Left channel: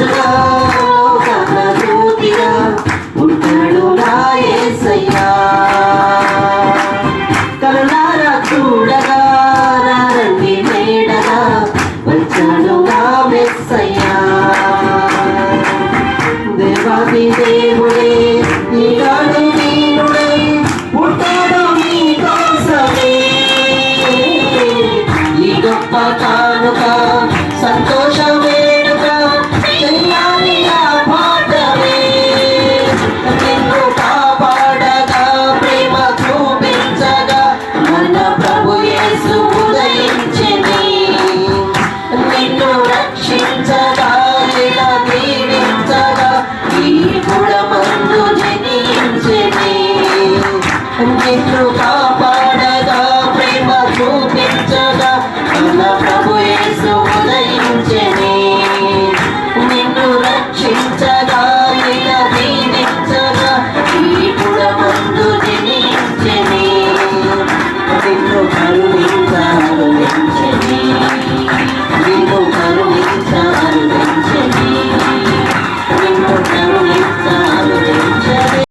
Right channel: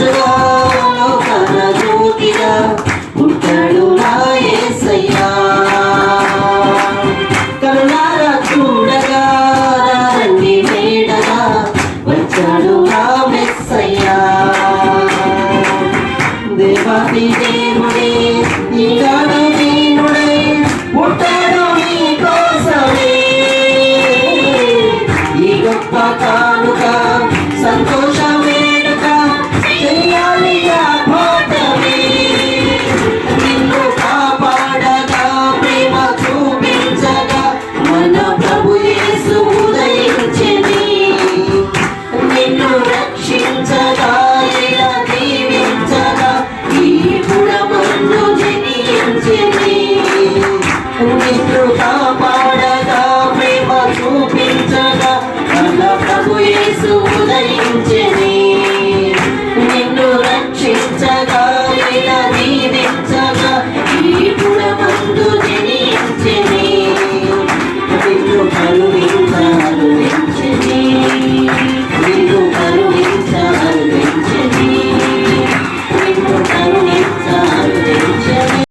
రాజుగా లోకన జ్యోతిగా ఉంటాడు నా యేసయ్యా. కరుణారా చూడగా రండి మేడగా వచ్చాడు నా మెస్సయ్యా. దేవాది దేవుడే ఈనాడు దీనుడై పుట్టాడు నీ కోసమే. ఈ గొప్ప కానుక సంతోష వేడుక చెయ్యాలి ఆపాటమే. నిన్ను కాపాడగా ప్రేమ చూపించగా మన ప్రభు యేసు ఉదయించింది. నిన్ను రక్షించగా